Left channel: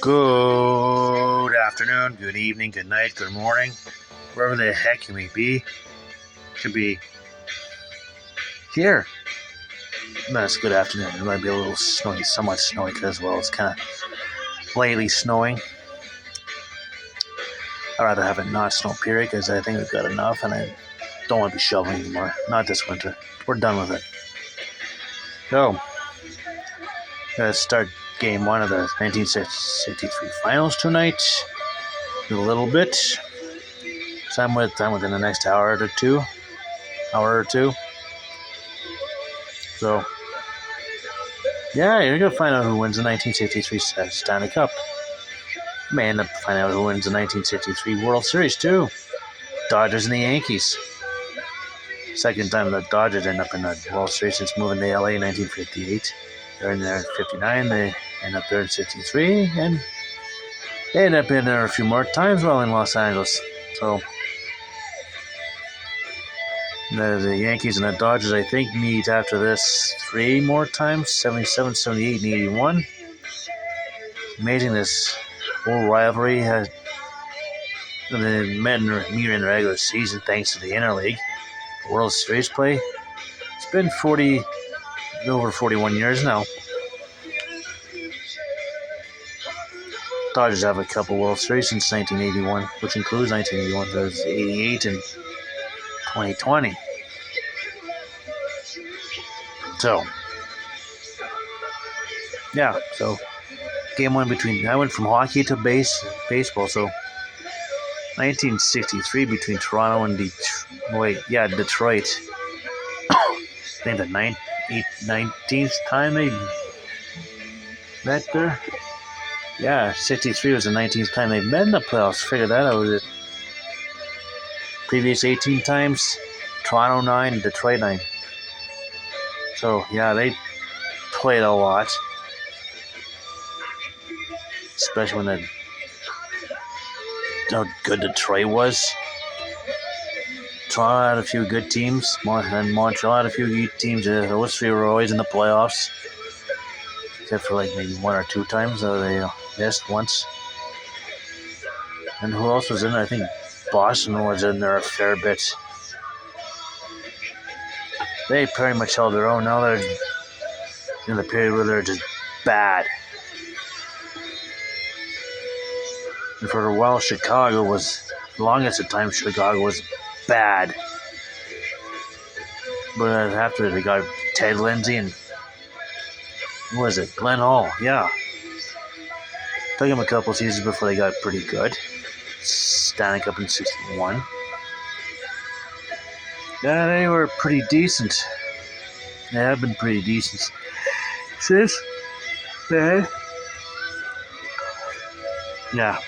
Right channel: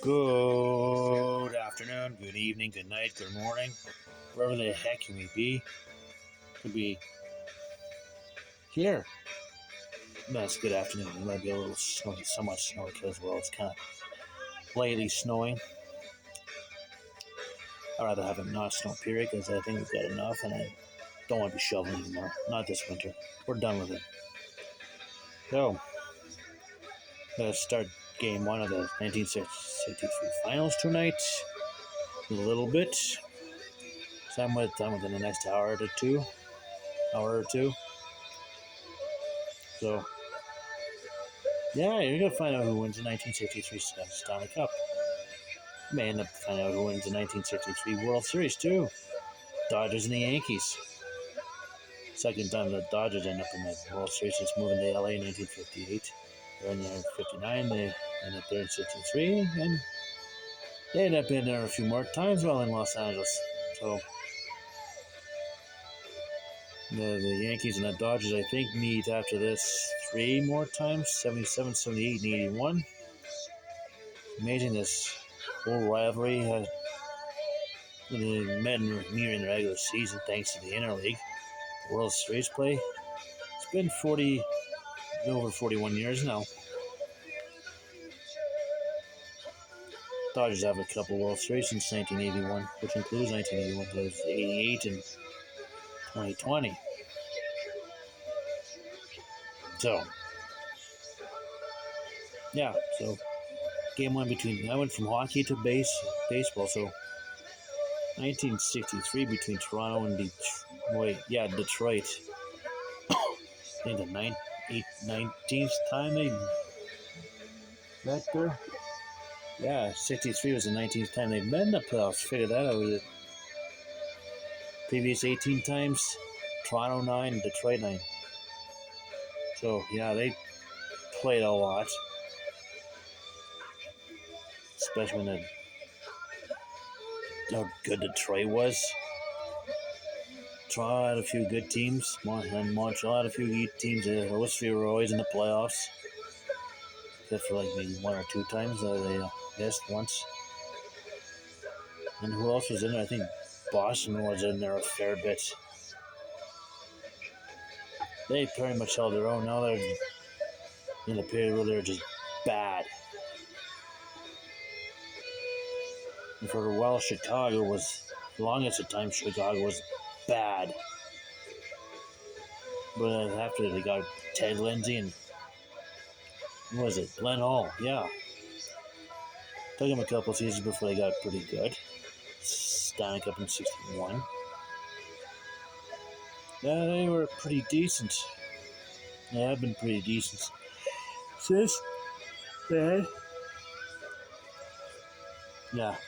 Good afternoon, good evening, good night, good morning, wherever the heck you may be. Could be here. No, it's good afternoon. It might be a little snowy, somewhat snowy as well. It's kind of lightly snowing. I'd rather have it not snow, period, because I think we've got enough and I don't want to be shoveling anymore. Not this winter. We're done with it. So, let's start game one of the 1963 finals tonight. A little bit. So I'm within the next hour or two. So, yeah, you're going to find out who wins the 1963 Stanley Cup. You may end up finding out who wins the 1963 World Series, too. Dodgers and the Yankees. Second time the Dodgers end up in the World Series since moving to LA in 1958. They're in there in 59. They end up there in 63. And they end up in there a few more times while in Los Angeles. So, the Yankees and the Dodgers, I think, meet after this 3 more times, 77, 78, and 81. Amazing this whole rivalry has met in the regular season thanks to the Interleague, World Series play. It's been over 41 years now. Dodgers have a couple World Series since 1981, which includes 1981, there's 88 and 2020. So, yeah, game one I went from hockey to baseball, so 1963 between Toronto and Detroit. I think the 19th time they met there. Yeah, 63 was the 19th time they met in the playoffs. Figure that out. Previous 18 times, Toronto 9, Detroit 9. So, yeah, they played a lot. Especially when how good Detroit was. Toronto had a few good teams, and Montreal had a few good teams. Those three were always in the playoffs, except for like maybe 1 or 2 times. They missed once. And who else was in there? I think Boston was in there a fair bit. They pretty much held their own. Now they're in the period where they're just bad. And for a while, Chicago was, longest at time, Chicago was bad. But after they got Ted Lindsay and, who was it? Glenn Hall, yeah. Took him a couple seasons before they got pretty good. Stanley Cup in 61. Yeah, they were pretty decent. They have been pretty decent since then. Yeah.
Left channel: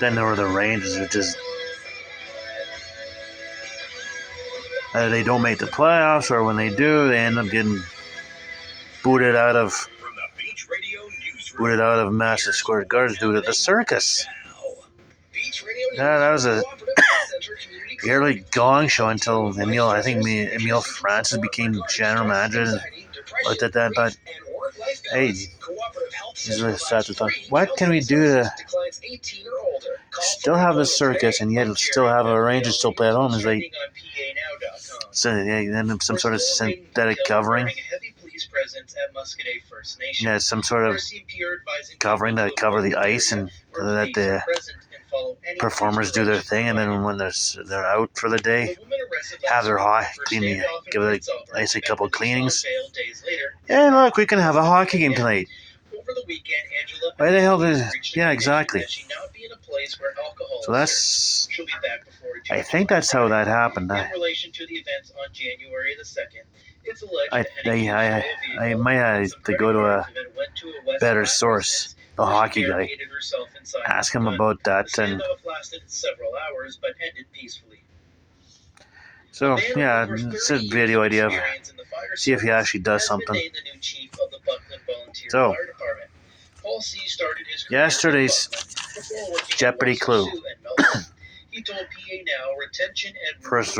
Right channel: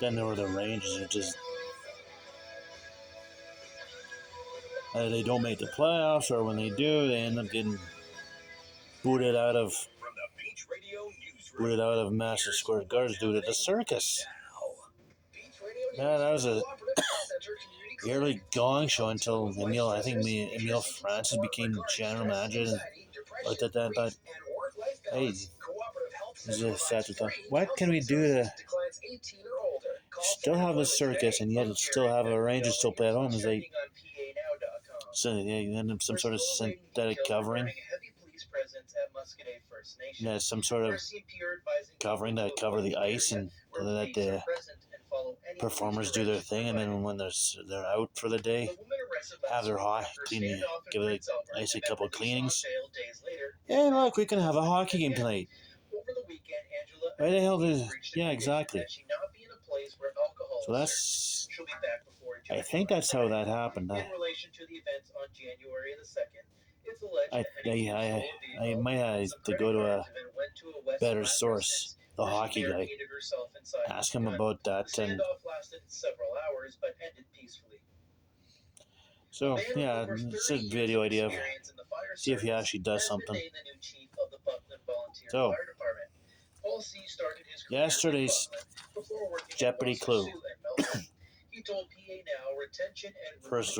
Then there were the Rangers, which is they don't make the playoffs, or when they do, they end up getting booted out of Madison Square Garden due to the circus. Yeah, that was a yearly gong show until Emile Francis became general manager and looked at that and thought, hey, he's really sad to talk. What can we do to still have the circus and yet still have a Rangers still play at home? Is like, so then some sort of synthetic covering. Yeah, some sort of covering to cover the ice and let the performers do their thing, and then when they're out for the day, have their give the ice a couple cleanings. Yeah, look, we can have a hockey game tonight. Why the hell did? Yeah, exactly. So I think that's how that happened. I might have to go to a better source, the hockey guy. Ask him about that, and so yeah, it's a video idea of see if he actually does something. So yesterday's Jeopardy clue. First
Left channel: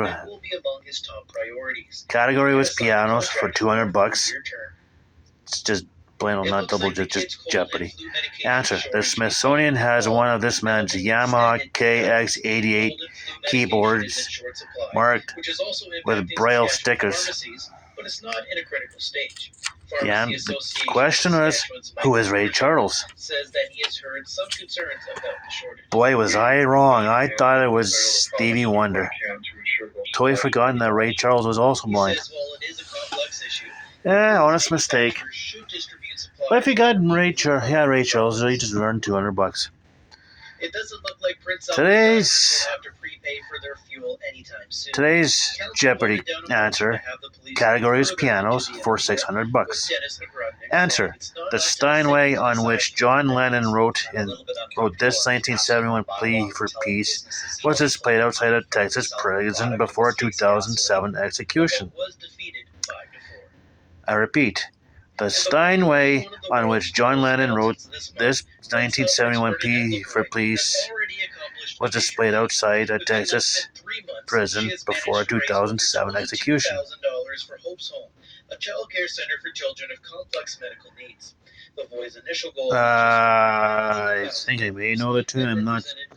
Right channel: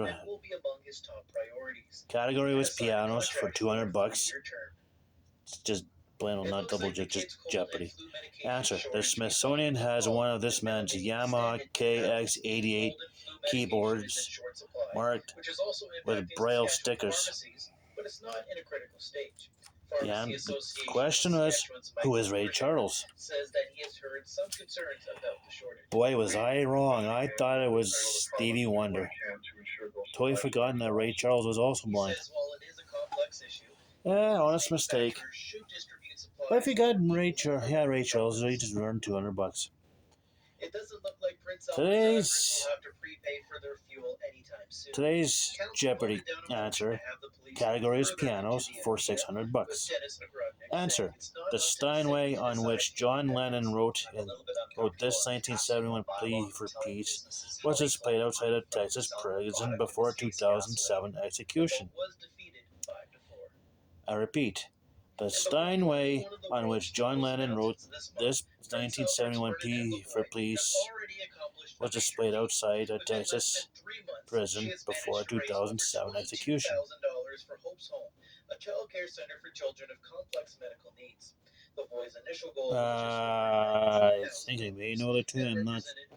category was pianos for $200. It's just plain old not double, just Jeopardy. Answer: the Smithsonian has one of this man's Yamaha KX88 keyboards marked with Braille stickers. The question was, who is Ray Charles? Boy, was I wrong. I thought it was Stevie Wonder. Totally forgotten that Ray Charles was also blind. Yeah, honest mistake. But if you got Ray Charles, you just earned $200. Today's Jeopardy answer category is pianos for $600. Answer: the Steinway on which John Lennon wrote this 1971 plea for peace was displayed outside a Texas prison before a 2007 execution. I repeat, the Steinway on which John Lennon wrote this 1971 plea for peace was displayed outside a Texas prison before a 2007 execution. I think I may know the tune.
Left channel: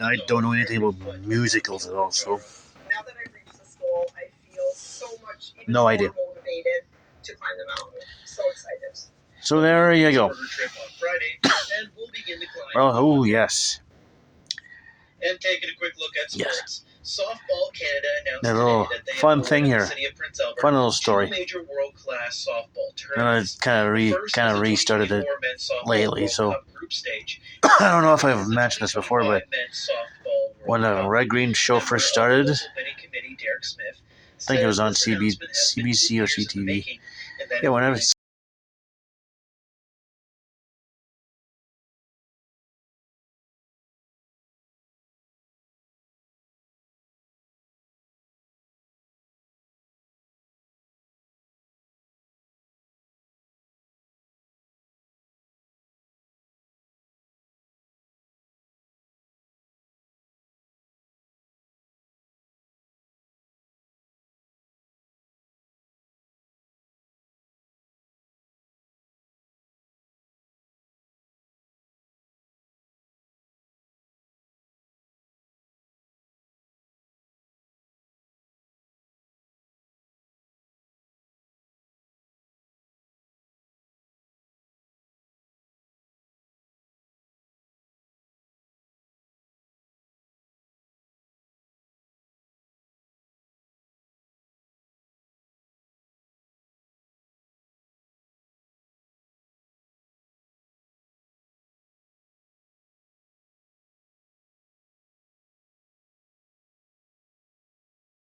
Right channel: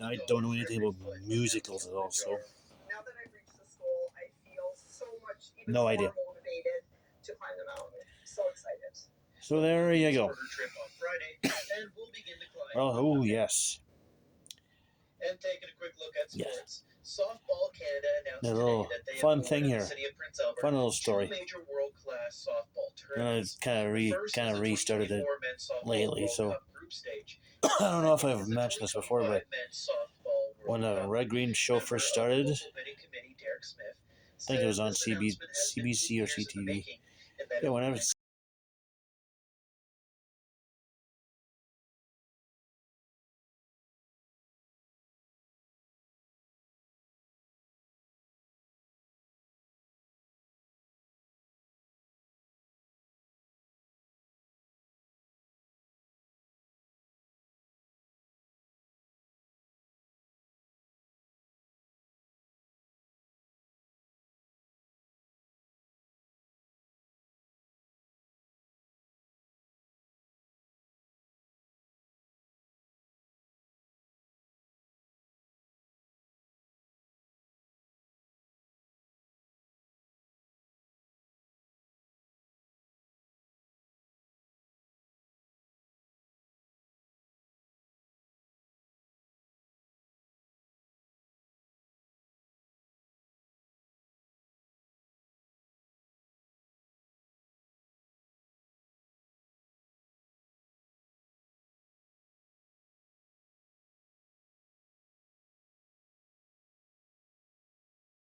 I don't know anything about musicals at all, so. No idea. So there you go. Well, oh yes. And taking a quick look at sports. Softball Canada announced a little fun thing here. Fun little story. And I kind of restarted it lately, so I don't know if I've mentioned this before, but when the Red Green show first started, I think it was on CBC or CTV. Yeah, whenever